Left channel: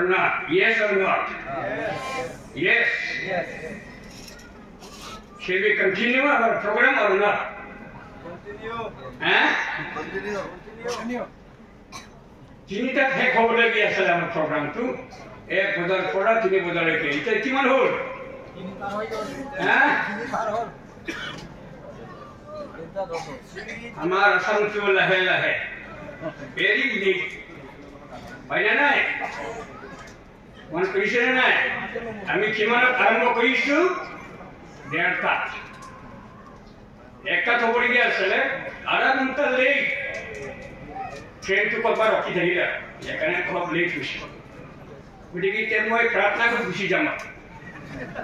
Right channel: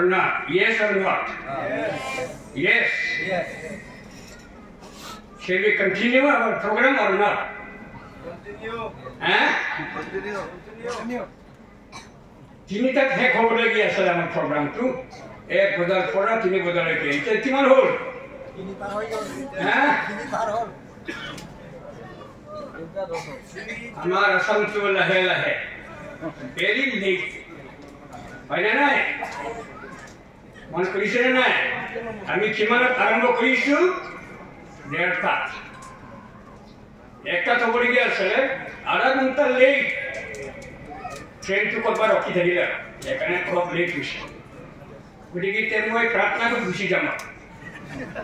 or not? Yes or not? Yes. Shall we continue our program or not? Continue. Continue. তিনিটা শেষ হ'বলগীয়া আছিলে আমাৰ প্ৰগ্ৰামটো 1 বজাৰ পৰা 3 বজালৈকে এতিয়া কিমান হ'ল আমাৰ আসামটো লাহে লাহে ভেৰি লেট হয় না নাই মন কৰিছে নাই আমি কিমানত আৰম্ভ কৰিছোঁ 1:30 একটা হ'বলগীয়া আছিলে আধা ঘণ্টা লেট ট্রেন তো কবার রকি থাকিলে এখানে খুব লেট হয়েছে গতিকে তেন মই প্রার্থনা করে গুছি যাম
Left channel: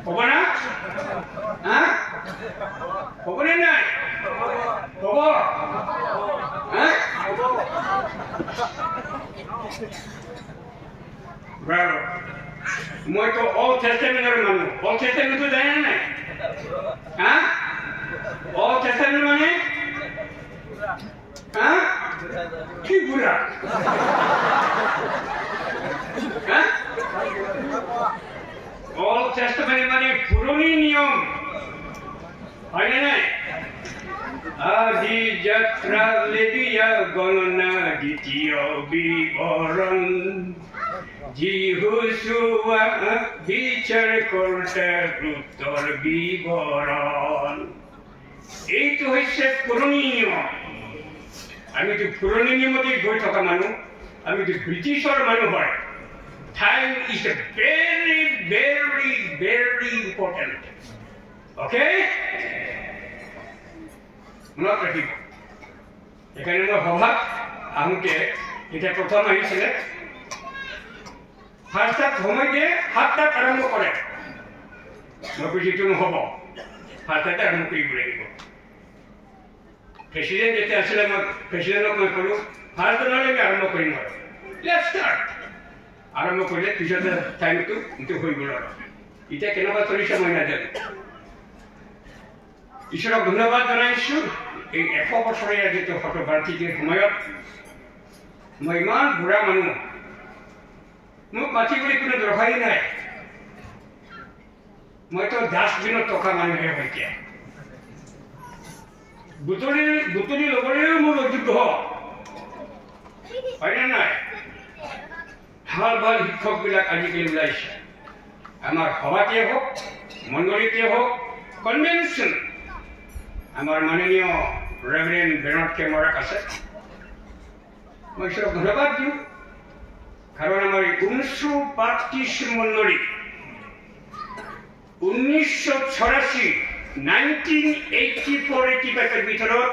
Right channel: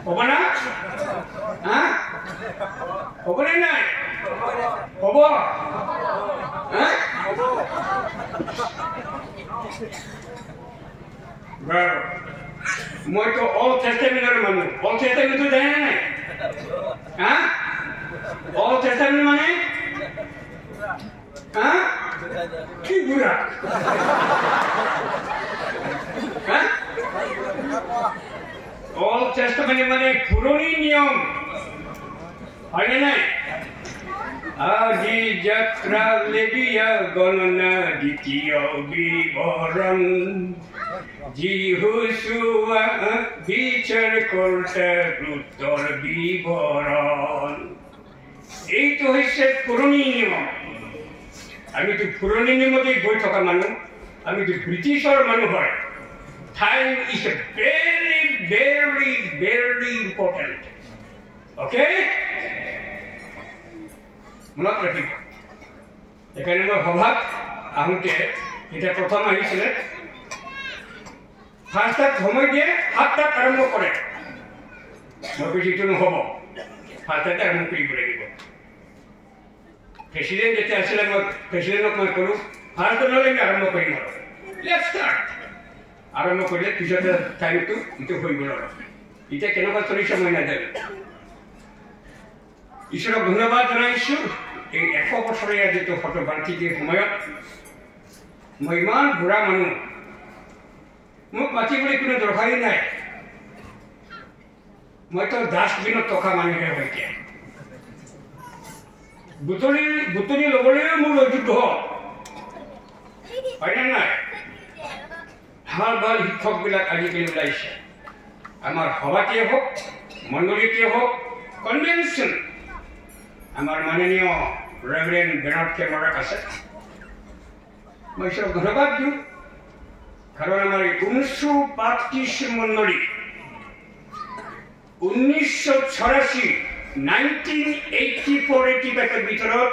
হব না হ্যাঁ হব না হব হ্যাঁ মই তো অল টেস্টামেন্টের মানুষ অল টেস্টামেন্ট তো জানে না হ্যাঁ অল টেস্টামেন্ট মানে হ্যাঁ কি বুড়া অল টেস্টামেন্ট মানে পুরনো নিয়ম হয় না আদি যাত্রা লেবিয়া গণনা দ্বিতীয় বিবরণ জিহুসুয়া বিচার করতে উত্তর বিবরণ এই তো হচ্ছে পুরনো নিয়ম আমি তো পুরনো নিয়মতে গৈ থকা মানুহ আমি তো ব্রিটিশর মানুহ হয় time is a very very very important okay মনত ৰাখিব এখানে সভাত আহোঁতে এটা প্ৰথম আহিছিলে ফাৰ্স্টত সময় দিয়ে 7টাত আৰম্ভ কৰে মই কৈছোঁ নহ'ব 7টাত আৰম্ভ কৰিব লাগিব প্ৰেসিডেন্ট যেটা আসলে প্ৰেসিডেন্টক মই কলোঁ ফাৰ্স্ট নহ'লে আমি আৰম্ভ কৰিম আৰু লেটছ ষ্টাৰ্ট আৰম্ভ কৰিলে পিছতে টাইমটো ইটো হৈ গ'ল আৰু এতিয়া কেনেকুৱা চলিছে মই নাজানো ঈশ্বৰক ধন্যবাদ জনাইছোঁ এই 100 বছৰীয়া যিটো শতবাৰ্ষিকীৰ সময়ত মই ইমান বুঢ়া মানুহ মোক মাতিবলৈ কোনো দৰকাৰী নাই মইতো ডাষ্টবিনত থকা মানুহে হয় এতিয়া বুটলি ল'বলৈ মোৰ অযোগ্য হয়নে নাই ভাল ভাল শিক্ষকবিলাক আজিকালি ওলাইছে আমাৰ সভাতেই হওক মণ্ডলীতে হওক কনভেনশ্যন আমাৰ মাননীয় ৰেভাৰেণ্ড বেনাৰ্ড কেমেৰাক আছে মই ঈশ্বৰক ধন্যবাদ দিওঁ কাৰণ আমাৰ 1935 মণ্ডলী 1984 1984-85 ভিতৰত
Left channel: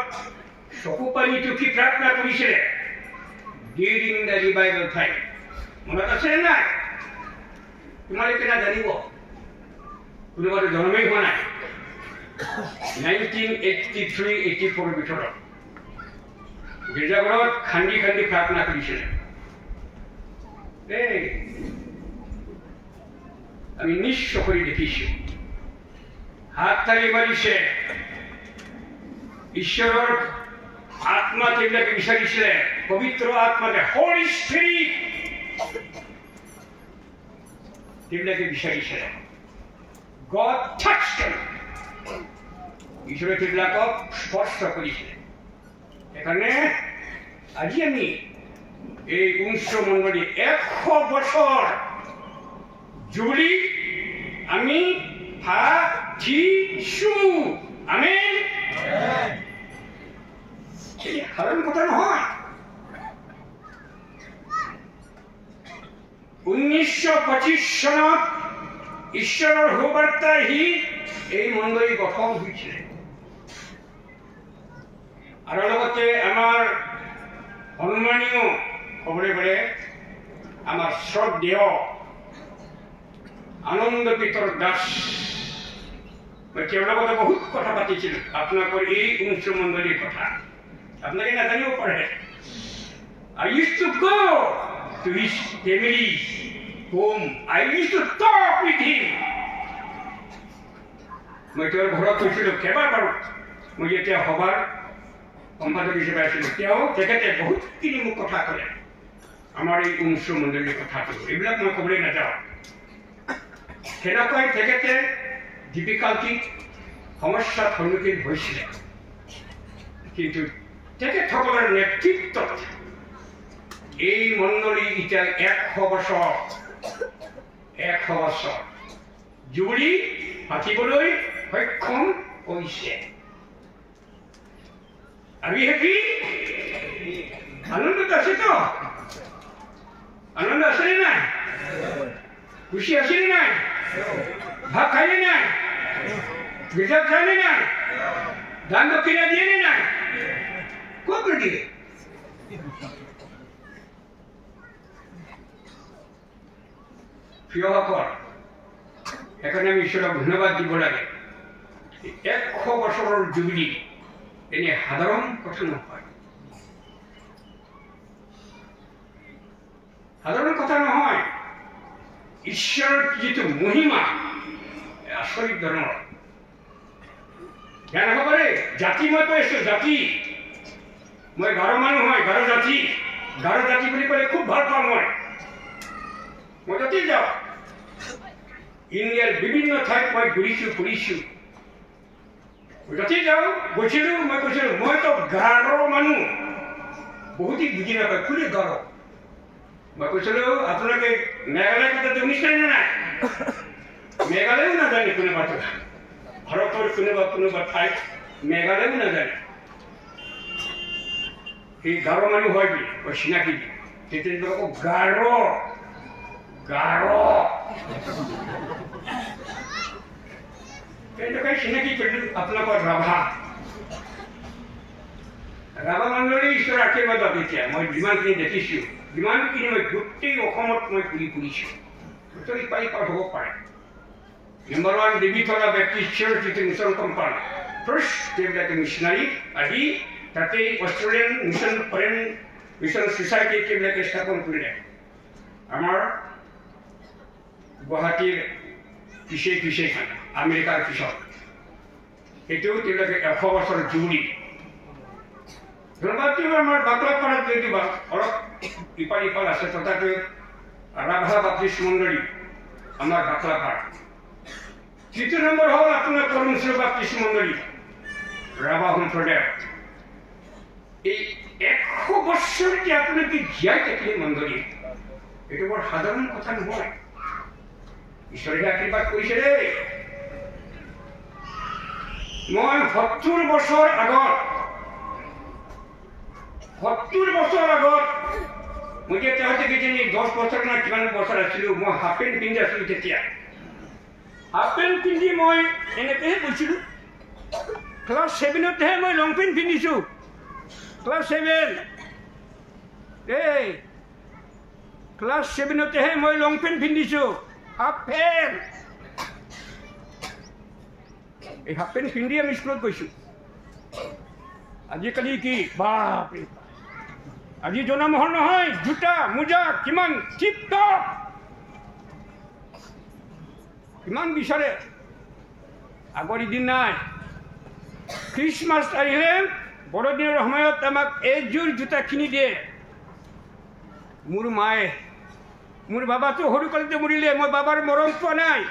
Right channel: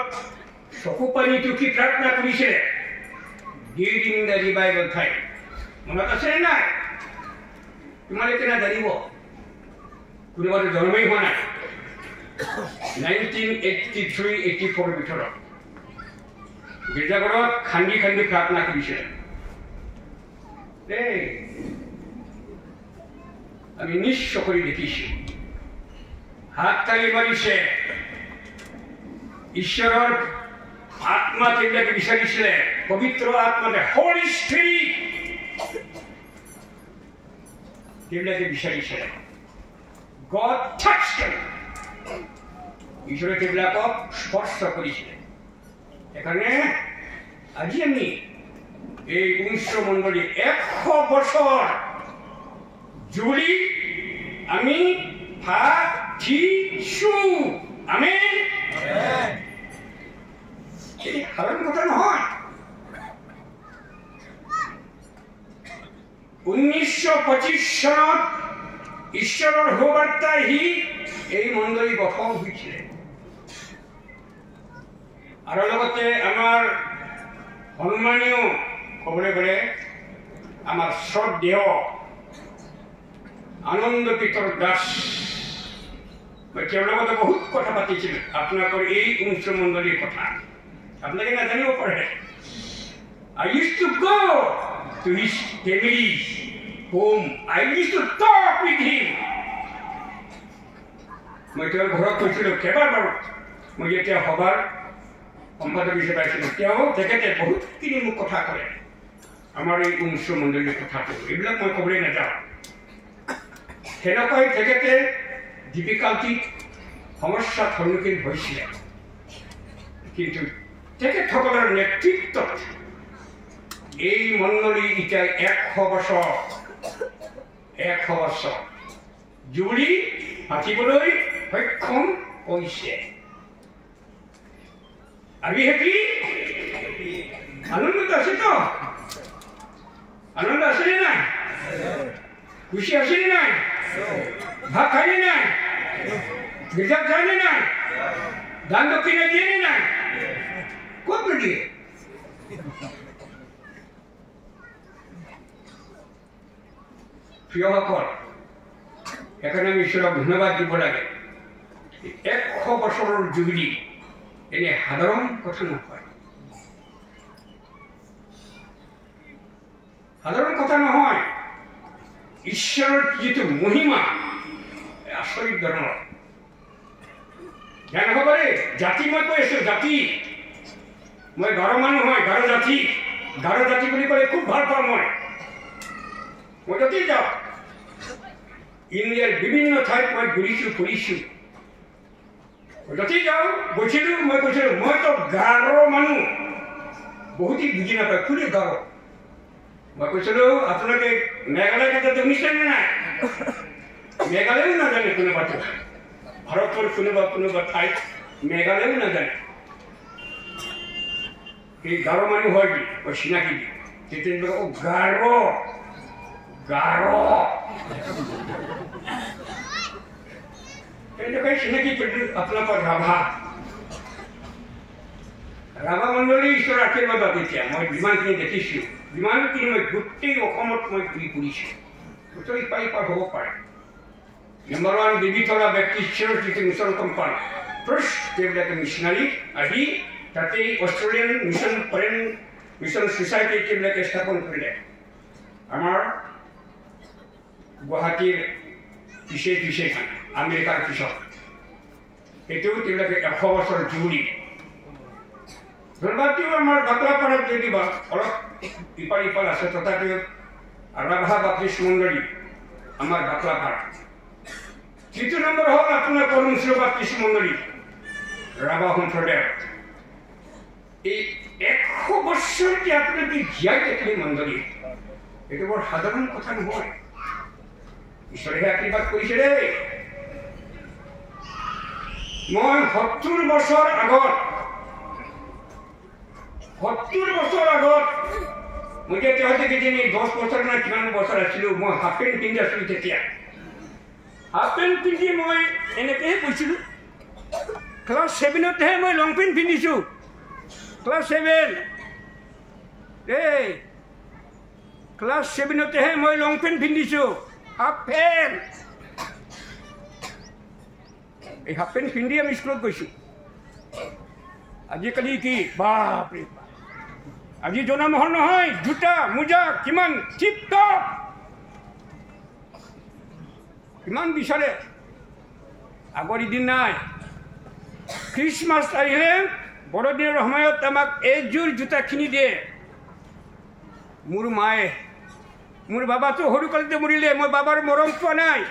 চকু পানী টুকি প্ৰাৰ্থনা কৰিছিলে ডিউৰিং দ্য ৰিভাইভেল টাইম মনত আছে নাই তোমালোকে নাজানিব কোনোবাটো জন্মেই হোৱা নাই 1983-84 ভিতৰত গীৰ্জাঘৰত খান্দি খান্দি প্ৰাৰ্থনা কৰিছিলে আমি নিশ্চয় কৰি দেখিছোঁ হাত তালি মাৰিছে ঈশ্বৰৰ আত্মা তেওঁবিলাকে বিচাৰিছিলে পবিত্ৰ আত্মাতে হোলি স্পিৰিট তেওঁবিলাকে বিচাৰিছিলে গড টাচ্ড দেম ঈশ্বৰে তেওঁবিলাকক স্পৰ্শ কৰিছিলে সেইকাৰণে আজি আমি এই উংশ মণ্ডলী 100 বছৰ জুলি আমি পাতিছোঁ আমেন এই সাধাৰণ কথা নহয় 1925 চনত ঈশ্বৰৰ সুবাৰ্তা আহি এই মণ্ডলী গঠন হৈছিলে আৰু লগতে আমাৰ সন্মানীয় ক'বলৈ গ'লে আমাৰ শ্ৰদ্ধেয় আনন্দ পিতৰ দাস মই তেওঁৰ লগতে বহুত কথা পাতিছিলোঁ আপোনালোকৰ এই উংশ মণ্ডলীৰ কথা আপোনালোকে নাজানিব পাৰে I used to go to his family's home. I used to talk with him. মই তেওঁৰ ঘৰত গৈছিলোঁ কেইবাবাৰো মই যেতিয়া সভাৰ সম্পাদক হিচাপে আছিলোঁ তেওঁ তেখেতে বহুতখিনি মোক কথা ক'লে আমাৰ এই অনুষ্ঠ মণ্ডলীৰ কথাটো এইবিলাক মই ক'বলৈ নাযাওঁ। সেনেকৈ তেখেতে ডিফিকাল্টিক সমস্যাৰ সন্মুখীন হৈছিলে, কিন্তু তেখেতসকলৰ নেতৃত্বত এই মণ্ডলী এতিয়া 100 বছৰ জুৰি পাতিবলৈ সক্ষম হৈছে। আমি হেপি, আনন্দত আছে তো? আনন্দ আছে নে নাই? খুশি আছে নে নাই? ভাত খাইনে নাই? গির্জাত যায় নে নাই? দান দক্ষিণা দিয়ে নে নাই? ক'ত দিয়ে? প্ৰিয়সকল, সেইকাৰণে আমি ঈশ্বৰক ধন্যবাদ দিব লাগে। 100 বছৰৰ জুবিলি এনে সাধাৰণ কথা নহয়, সাধাৰণ কথা নহয়। ঈশ্বৰৰ যিটো মহিমা আচৰিত ধৰণৰ। জ্ঞানসকলে জাতি মই কৈ আছো, জাতি মই গাৰো মানুহ হয়, গাৰো জাতি বুলি ক'লে খুব ভাল পাওঁ। মই য'তেই যাওঁ, ইণ্ডিয়াৰ বিভিন্ন ঠাইত মই ঘূৰিছোঁ ফুৰিছোঁ। য'তেই যাওঁ গৈছিলোঁ, মই কৈছিলোঁ মইতো গাৰো মানুহ। বহুতেই বুজি নাপায়, খুলি গাৰো। মই কৈছিলোঁ আপোনালোকে মেঘালয় কথাটো শুনিছে নে নাই? মেঘালয়ো নাজানে কোনোবাটো, ভাৰতৰ কোনোবা ঠাইত মেঘালয়ো নাজানে এই গাৰো মানুহ হয় বুলি মই চিনাকি দিম। তেতিয়া গাৰো তেনেকৈ চিনাকি কৰিলোঁ। আপোনালোকৰ ৰাভা মণ্ডলী ঈশ্বৰৰ আশীৰ্বাদত এতিয়া মই যিমানখিনি দেখিছোঁ, যিমানখিনি মই গোটেই অসমত মই ঘূৰি ফুৰিছোঁ, গোটেই পাৰ হ'ব পাৰে। নম্বৰ 1 দেৱীতলা বেপ্টিষ্ট চাৰ্চ, যিটো মিছন কোম্পানী ফাৰ্ষ্ট তেওঁবিলাকে মিছনাৰী আহি তাতেই অষ্ট্ৰেলিয়ান মিছন ছ'চাইটি তেওঁবিলাকে স্থাপন কৰিলে। আমাৰ গুৱাহাটীৰ পিছে আমেৰিকাৰ পিছত এইটো তেওঁবিলাকে 100 বছৰ জুৰি। ধন্যবাদটো আমাৰ বাকলাপাৰাত যদিও অলপ ইপাল আছে, তথাপিও ৰাভা বাপ্তিষ্ট মণ্ডলী আমাৰ বাকলাপাৰা। তৃতীয় নম্বৰ হ'ল আপোনাৰ কৰ্মশীল বাপ্তিষ্ট মণ্ডলী ৰাভা সম্প্ৰদায়। এই 100 বছৰ যে আপোনালোকে জীয়াই থাকিলে মণ্ডলী, এইটো বৰ সাধাৰণ কথা নহয়। ঈশ্বৰে আশীৰ্বাদ কৰিছে দেই। মই 70 বছৰ আগত মই যে তেওঁতে কিজানি 10 বছৰ নে কিমান বছৰ আছিলোঁ, মই হাফ পেণ্ট পিন্ধি আছিলোঁ। তেতিয়া হাফ পেণ্ট পিন্ধি মই এনেকৈহে গৈছিলোঁ। ক্লাছ 7তহে মই লং পেণ্ট পিন্ধিছোঁ। ক্লাছ 7তহে মই লং পেণ্ট পিন্ধিছোঁ, হাফ পেণ্ট। এই হাফ পেণ্ট পিন্ধি আমি স্কুলত গৈছোঁ। আজিকালি কি বাপৰে, আজি জনমহল নহয়, জোতা মোজা কিমান টিপ টপ, কিমান বিচাৰে। আগৰ দিন নাই। খ্ৰীষ্টমাছ আহিলে বৰদিনৰ সময়ত আমাক এযোৰ জোতা কিনি দিয়ে মোৰ মায়ে। মোৰ বাবাটো সৰুকালতে মৰিলে, মই বাবাৰ মৰম পোৱা নাই।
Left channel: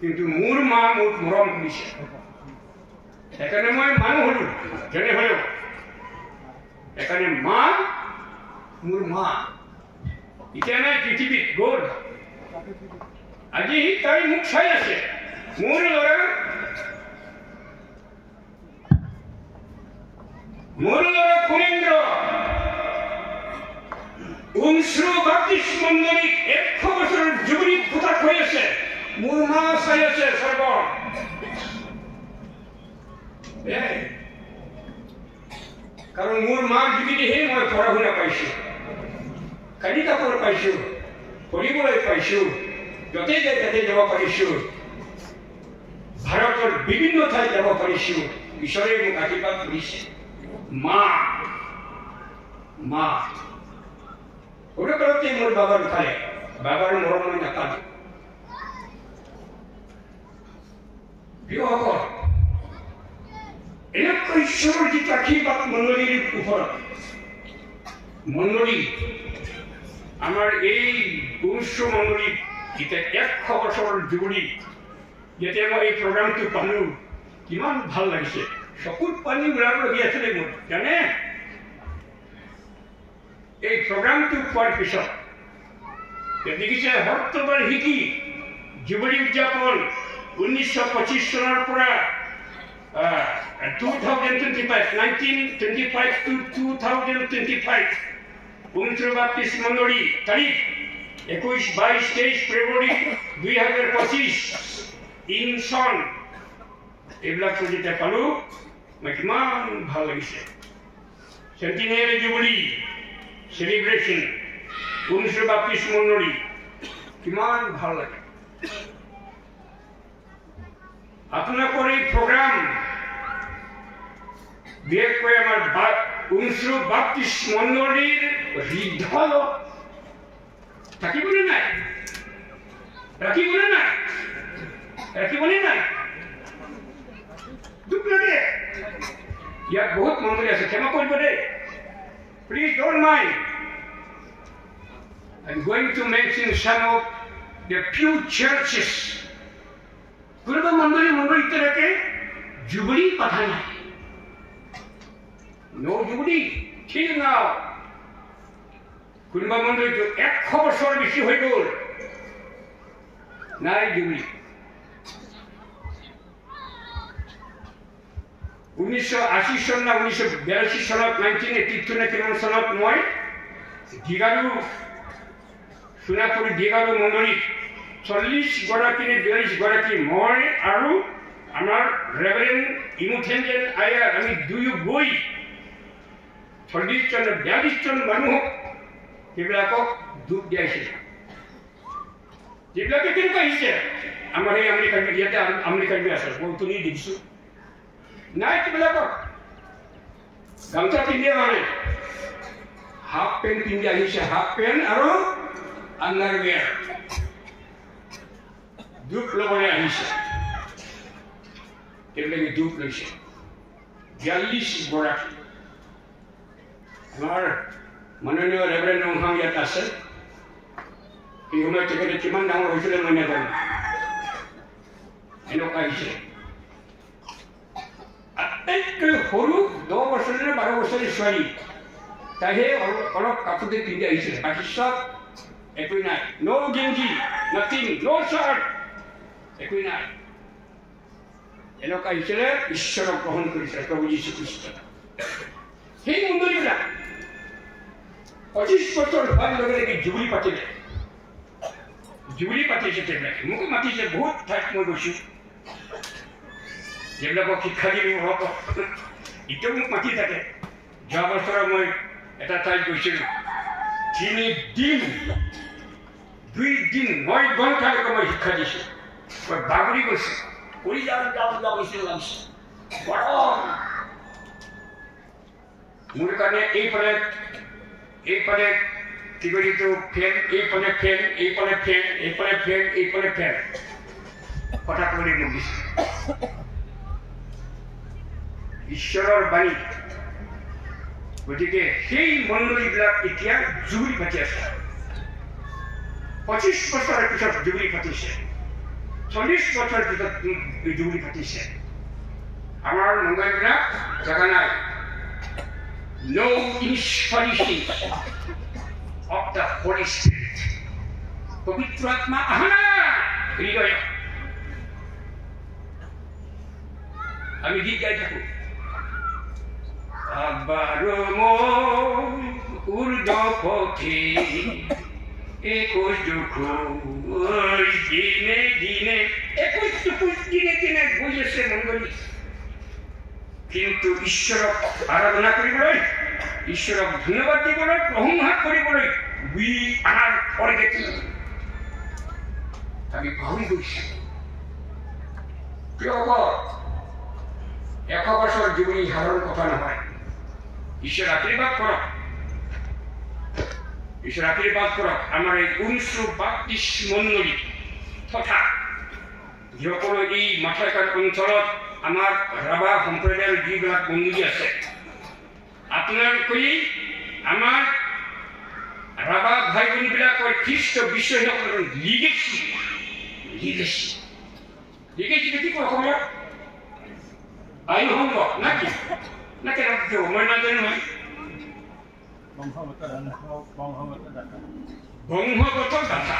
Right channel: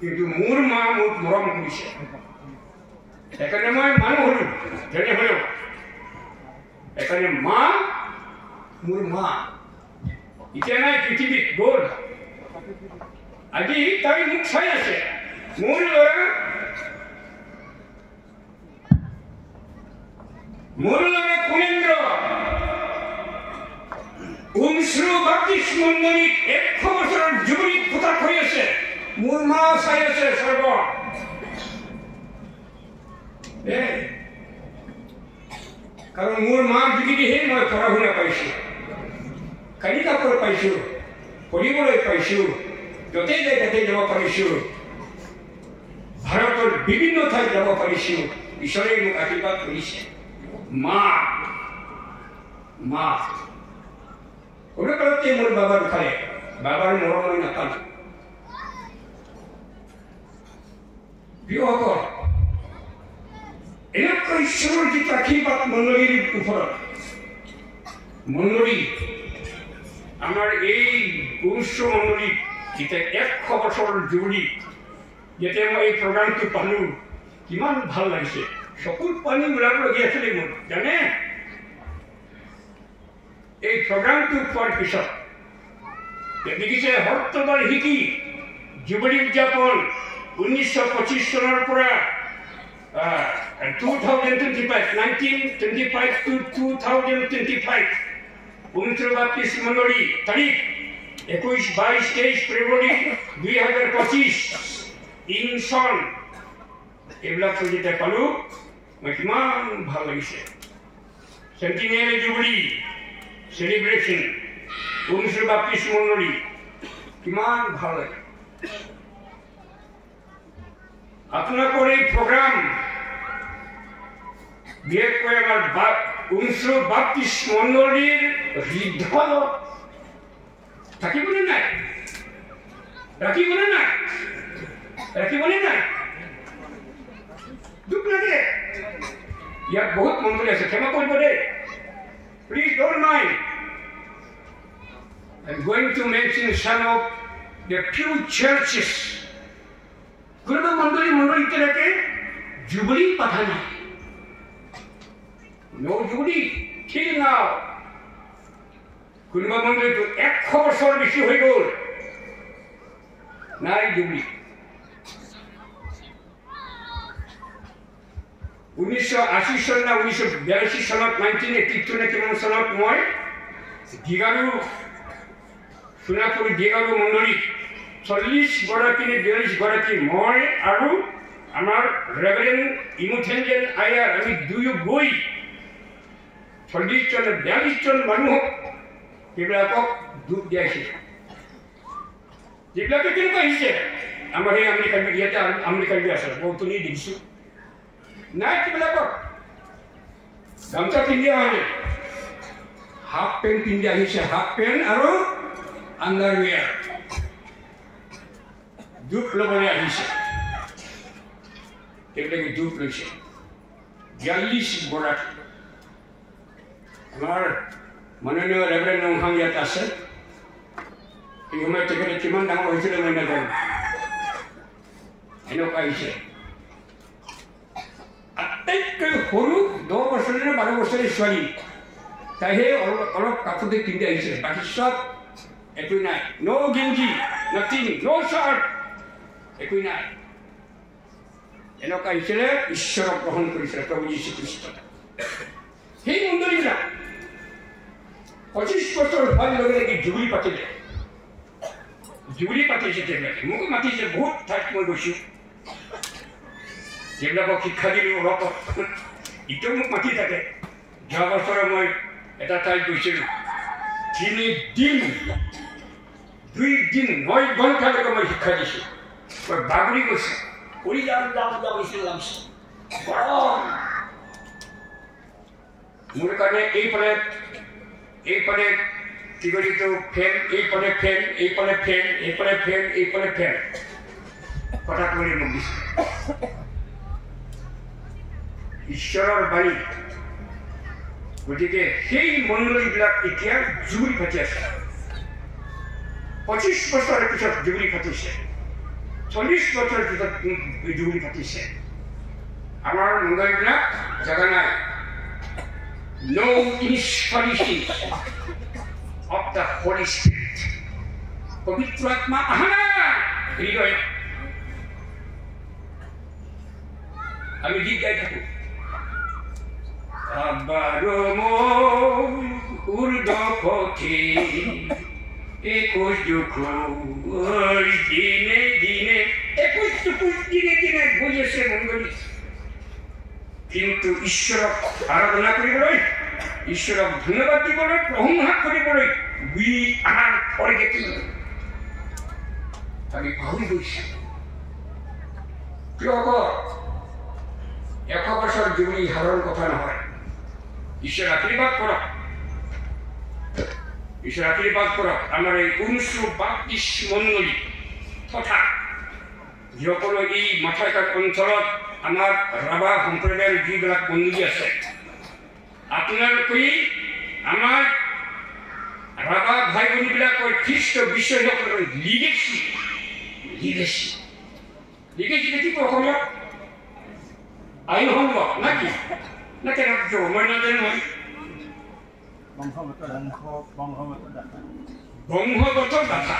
কিন্তু মোৰ মা মোক মৰম কৰিছে, সেইকাৰণে মই মানুহ হলো যেনে হলেও। সেইকাৰণে মোৰ মা এতিয়া নাই, পৃথিৱীত গ'ল। আজি তাই মোক চাই আছে। মোৰ ল'ৰা কুলেন্দ্ৰ উমশ্ৰু বাপ্তিষ্ট মণ্ডলীত 100 বছৰৰ জুবিলিত পোতাক হৈ আছে। মোৰ মা চাই আছে সৰ্ব। কাৰণ মোৰ মাৰ যোগেদিহে মই পঢ়া শুনা পাইছোঁ, কানি কাপোৰ পাইছোঁ, পঢ়িবলৈ পাইছোঁ, য'তে যাই তাতে যাব পাৰিছোঁ, ভাৰতৰ বিভিন্ন ঠাইত যাব পাৰিছোঁ। ঈশ্বৰে মোক আশীৰ্বাদ কৰিছে। মা সৰুকালতে মোৰ বাবা ঢুকালে, বাবাৰ মৰম মই নাপালোঁ। প্ৰিয়সকল, এনেকুৱা ঈশ্বৰৰ যিটো আশীৰ্বাদ মণ্ডলীৰ ওপৰত মণ্ডলী আমাৰ এই পুৰুষ মণ্ডলী যেতিয়া 100 বছৰৰ জুবলি যেতিয়া মই এই প্ৰগ্ৰামটো পালোঁ কিমান ভাল লাগিছে চকুত পানী ওলাবলগীয়া আছিলে মোৰ জানে এই প্ৰগ্ৰামটো পোৱাৰ পিছত দেখিছে সত্তৰবাৰ শিকি জুবলি উদযাপন 1925 চনৰ পৰা 1925 to 2025 পুৰুষৰ বাপ্তিস্ম মণ্ডলী তাৰিখ 21, 22, 23 ফেব্ৰুৱাৰী 2025 ইন চন এইবিলাক যেতিয়া পালোঁ মই কিমান ভাল লাগিছে চেণ্টিনেৰী জুবলি সেলিব্ৰেশন পুৰুষৰ বাপ্তিস্ম মণ্ডলী কিমান ভাল লাগে আপোনালোকৰ এই প্ৰগ্ৰাম বিশেষকৈ আমাৰ পুৰুষৰ বাপ্তিস্ম মণ্ডলীৰ হৃদয়ত থাকিবনে নাই ৰাখিবনে নাই দুখ লাগে ইয়াত বহুত মণ্ডলী আছে ক্ষমা কৰিব দেই please don't mind I'm going to mention some of the few churches কোনোবা মণ্ডলী এতিয়ালৈকে জুবলি পতা নাই no জুবলি till now কোনোবা মণ্ডলীটো 100 বছৰ বেছি হৈ গ'ল নাই জুবলি 1980 চন না 1982 চনত 1983 নে কিমান চনত মই দিগাৰু সোণাপুৰ দিগাৰু মণ্ডলী 40 গৰাকী নে 42 গৰাকী মই আৰু আমাৰ ৰেভাৰেণ্ড ইমুথেঞ্জেন আয়াৰ আমি দুয়ো গৈ 40 জন 42 জন মানুহক এইবিলাকক দুখ দিয়াইছিল যিবিলাকে কেনেকুৱা আহিছে আমাৰ এই আমেৰিকান ইয়াতে আমেৰিকান আছে বহুতনি দেখিছোঁ নাই কিবিলাকক গামছা পিন্ধি হয় হাফ পেণ্ট পিন্ধি আহিছে হাফ পেণ্ট আৰু আণ্ডাৰৱেৰ দুখ ল'বলৈ আহিছে এইবিলাকে দুখ লৈছে 42 গৰাকী আমাৰ মাননীয় ৰেভাৰেণ্ড নংহাং ইয়াত আছে এই সময়ত তেখেতে কিমান ডাঙৰ হৈছিলে মই নাজানো এনেকুৱা আহিছে আটাইতকৈ সৰু 10 বছৰীয়া 12 বছৰীয়া ছোৱালী তাইহে অলপ কাপোৰতে পিন্ধি আহিছে বাকী চব একোই নাই ন' গেঞ্জি নাথিং ন' চাৰ্ট একোই নাই এনেকুৱা আহিছিলে ঈশ্বৰক গ্ৰহণ কৰিছিলে প্ৰভু যীশুখ্ৰীষ্ট সেই মণ্ডলীবিলাক 25 বছৰ হোৱাৰ লগে লগে জুবলি পাতিলে জুবলি পাতিছে তেওঁলোকে মোকো মাতিছে বহুত ঠাইত মই গৈছোঁ যিবিলাকক শিক্ষা দিলোঁ হওক এতিয়াও মোক মাতি থাকে যোৱা বছৰ মই এটা ঠাইত গৈছিলোঁ 3 দিন 2 দিন 9 ঘণ্টালৈকে মই শিক্ষা দিছোঁ মই বাগৰি গৈছোঁ কৰি যাব লাগিছিল গৰম মোৰ কাৰণে এইফালে কি কৰিতো ফেন এইফালে ফেন এইফালে ফেন এইফালে ফেন এইফালে ফেন কথা ক'বলৈ মোক দিছে ঈশ্বৰৰ বাণী গতিকে সেই মণ্ডলীবিলাক এতিয়া জুবলি পাতি আছে 25 বছৰৰ পিছত জুবলি পাতিছে 40 বছৰৰ পিছত জুবলি পাতিছে আমাৰ মণ্ডলীবিলাক জেগা নাই no inspiration of the Holy Spirit পবিত্ৰ আত্মা আহা না হৃদয় আমি গীত গাই থাকোঁ আবাৰো মই উৰ্ধপথে 21 দুখ দিনে দিনে 21 দিনে গৈ আছে মণ্ডলী কিন্তু ঈশ্বৰক আৰাধনা কৰিবলৈ ঈশ্বৰক ধন্যবাদ দিবলৈ প্ৰশংসা কৰিবলৈ we are forgetting আমি পাহৰি গৈছোঁ কিয় 100 বছৰ জুবলি হাৰৰ কথা নহয় ঈশ্বৰ আশীৰ্বাদ কৰক আমাৰ এই পুৰুষৰ বাপ্তিস্ম মণ্ডলী তথা যিসকলে এই মাথাইকাট অঞ্চলত আমাৰ ৰাভা সম্প্ৰদায়ৰ যিবিলাক বন্দী আছে আপোনালোকে আমাৰ ৰাভা ভাই ভনীবিলাকৰ খ্ৰীষ্ট বিশ্বাসীসকলৰ লিগেচি কি অসমত আইন সংঘ না কি না কেন মই নাজানো নহয় বংশগত দাতা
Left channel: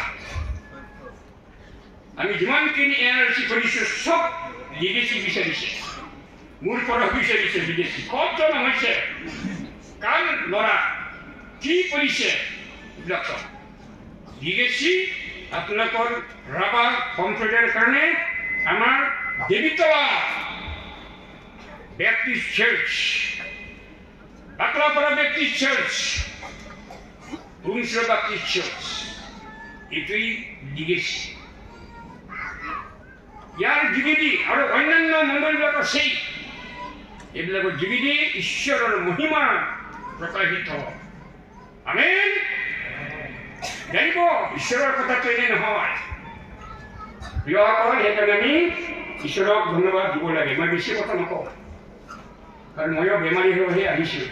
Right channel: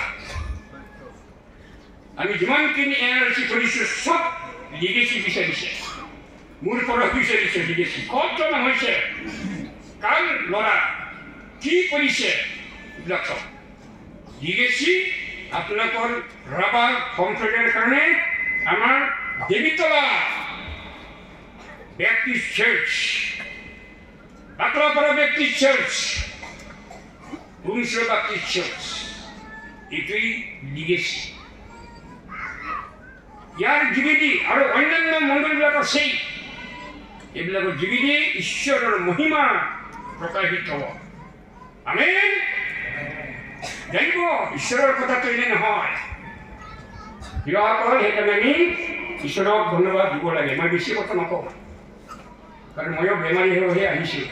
আমি যিমানখিনি এনআৰচি কৰিছো চব লিগেচি বিচাৰিছে মোৰ পৰা বিচাৰিছে লিগেচি ক'ত জমা হৈছে কাৰ ল'ৰা কি কৰিছে এইবিলাক চব লিগেচি আপোনালোকৰ ৰাভা সম্প্ৰদায়ৰ কাৰণে আমাৰ Debitola Baptist church Baklapara Baptist church Umshwar Baptist church এইটোৱেই লিগেচি ইয়াৰ যোগেদি আৰু অন্যান্য মণ্ডলবিলাক আছেই এইবিলাকৰ যোগেদি ঈশ্বৰৰ মহিমা প্ৰকাশিত হ'ব আমেন জানিব ঈশ্বৰৰ কথাটো এনে নহয় প্ৰিয়সকল সেইকাৰণে আমি ঈশ্বৰক ধন্যবাদ দিব লাগে মই বেছি কথা নকওঁ কাৰণ ময়ো বেমাৰী হৈহে আহিছোঁ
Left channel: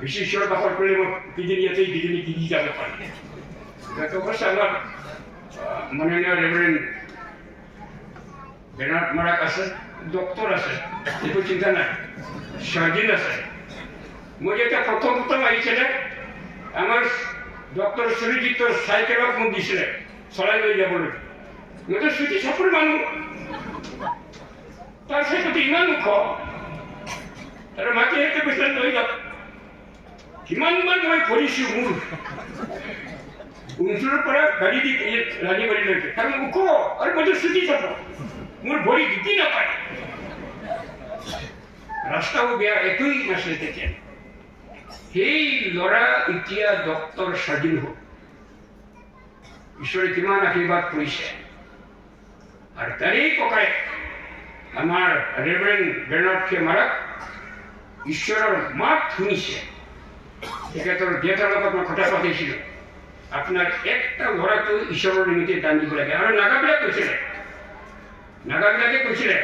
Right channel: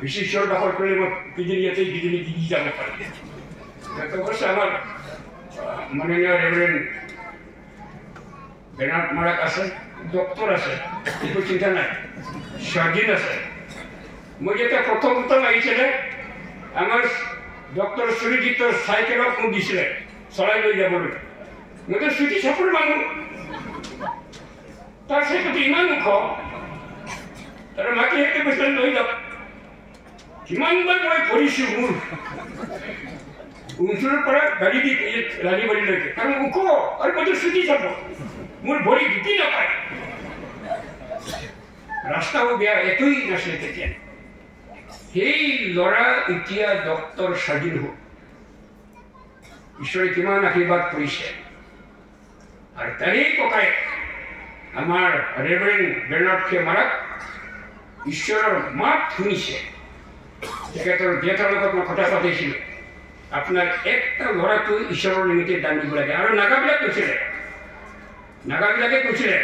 বেছি ঈশ্বৰ বাসৰ কৰিলে মই কিজনী ইয়াতে কিজনী দিদি যাব পাৰিম সেইটো অৱশ্যে আমাৰ মাননীয় ৰেভাৰেণ্ড বেনাৰ্ড মাৰাক আছে ডক্টৰ আছে একো চিন্তা নাই সাৰ্জন আছে মই যেতিয়া প্ৰথম আহিছিলে আমাৰ ডক্টৰ সুৰজিতৰ চাইকেলত মোক দিছিলে চলাই লৈ যাবলৈ মইতো চুটি চাপৰ মানুহ তাৰ চাইকেলটো ইমান ওখ আৰু মাকে সেইটো কৈছিলে লৈ যাওক কিমানবাৰ মই পৰিছোঁ মোৰ উমচুৰৰ পৰা গাড়ী দি ৰাজীবাৰীলৈকে কাৰণ ওখ আৰু মইতো চুটি চাপৰ মোৰ ভৰি ঢুকি নাপায় ৰাস্তাও বেয়া একোৱেই নাছিলে তেতিয়া সেই ল'ৰা এতিয়া ডক্টৰ স্বাধীন হ'ল ঈশ্বৰে কিমান আশীৰ্বাদ কৰিছে আৰু তাৰেই ককায়েক আমাৰ ৰেভাৰেণ্ড বেনাৰ্ড মাৰাক ঈশ্বৰৰ মাত শুনিছে তেখেতৰ দেউতাৰ লগত মই কথা পাতিছিলোঁ আপোনাৰ একটা ল'ৰাটো ঈশ্বৰৰ নিমিত্তে দান দিব লাগে আৰু নাগাবিলাকে কৈছিলে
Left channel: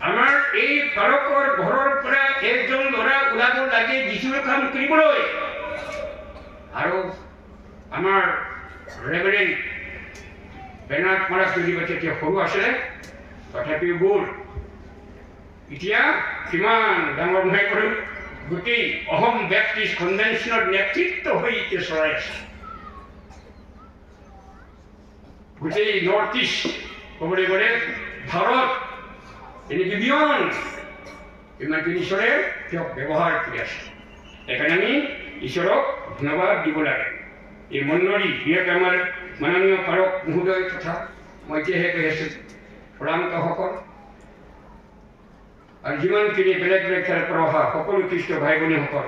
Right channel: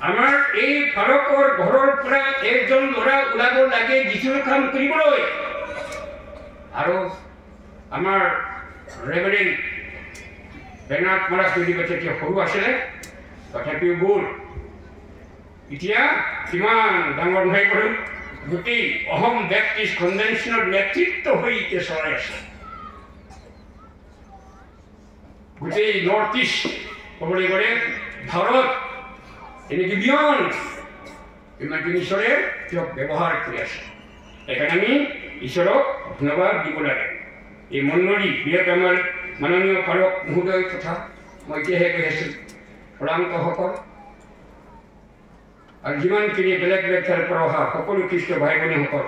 আমাৰ এই ভাৰতৰ ঘৰৰ পৰা একজন ল'ৰা ওলাব লাগে যীশুৰ কাম কৰিবলৈ আৰু আমাৰ ৰেভাৰেণ্ড বেনাৰ্ড মাৰাক তেতিয়া সৰু আছিলে তথাপিও গ'ল এতিয়া কিমান ডাঙৰ হৈ গ'ল গোটেই অসম বেপ্টিষ্ট কনভেনশ্যনৰ নেতৃত্ব হৈ এতিয়া চলাই আছে গোটেই নৰ্থ ইষ্ট ক'বলৈ গ'লে ভাৰত এনেকৈ বিয়ন ইমানখিনি ঈশ্বৰে তেওঁক ব্যৱহাৰ কৰি আছে সেইকাৰণে আমি ঈশ্বৰক ধন্যবাদ দিব লাগে এই মণ্ডলী বিশেষকৈ আমাৰ মাননীয় পাৰক মহোদয় তথা মই এতিয়াহে কৈ আছোঁ প্ৰধানসকল আৰু যিমানখিনি বেলেগ ঠাইৰ পৰা অহা সকলো খ্ৰীষ্ট ভাই ভনীসকল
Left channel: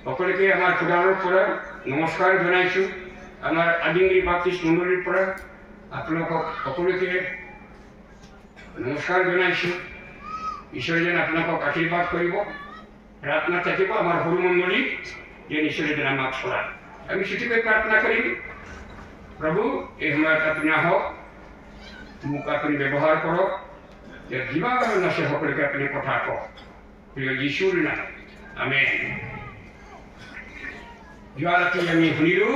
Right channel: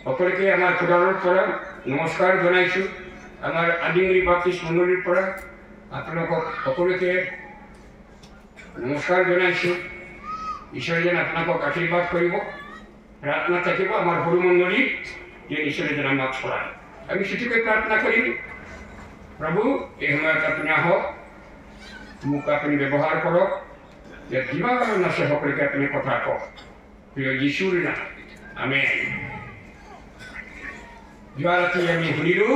সকলোকে আমাৰ খুদাৰৰ পৰা নমস্কাৰ জনাইছোঁ আমাৰ আদিংগিৰি বাপ্টিষ্ট মণ্ডলীৰ পৰা আপোনালোকক সকলোকে নমস্কাৰ জনাইছোঁ ঈশ্বৰে যেন আপোনালোকক আশীৰ্বাদ কৰিব প্ৰাৰ্থনা থাকিব আমাৰ সৰু মণ্ডলী যে ঈশ্বৰে যেন আমাক চলায় আমি ছুটিকৈ প্ৰাৰ্থনা কৰিম প্ৰভু এই সময়ত আপুনি আহক মোক আপুনি ব্যৱহাৰ কৰক যে যিমান আছে সকলোকে আপুনি কথা কওক প্ৰিয় যীশুৰ নাম আমেন যোৱা ৰাতি আমি শুনিলোঁ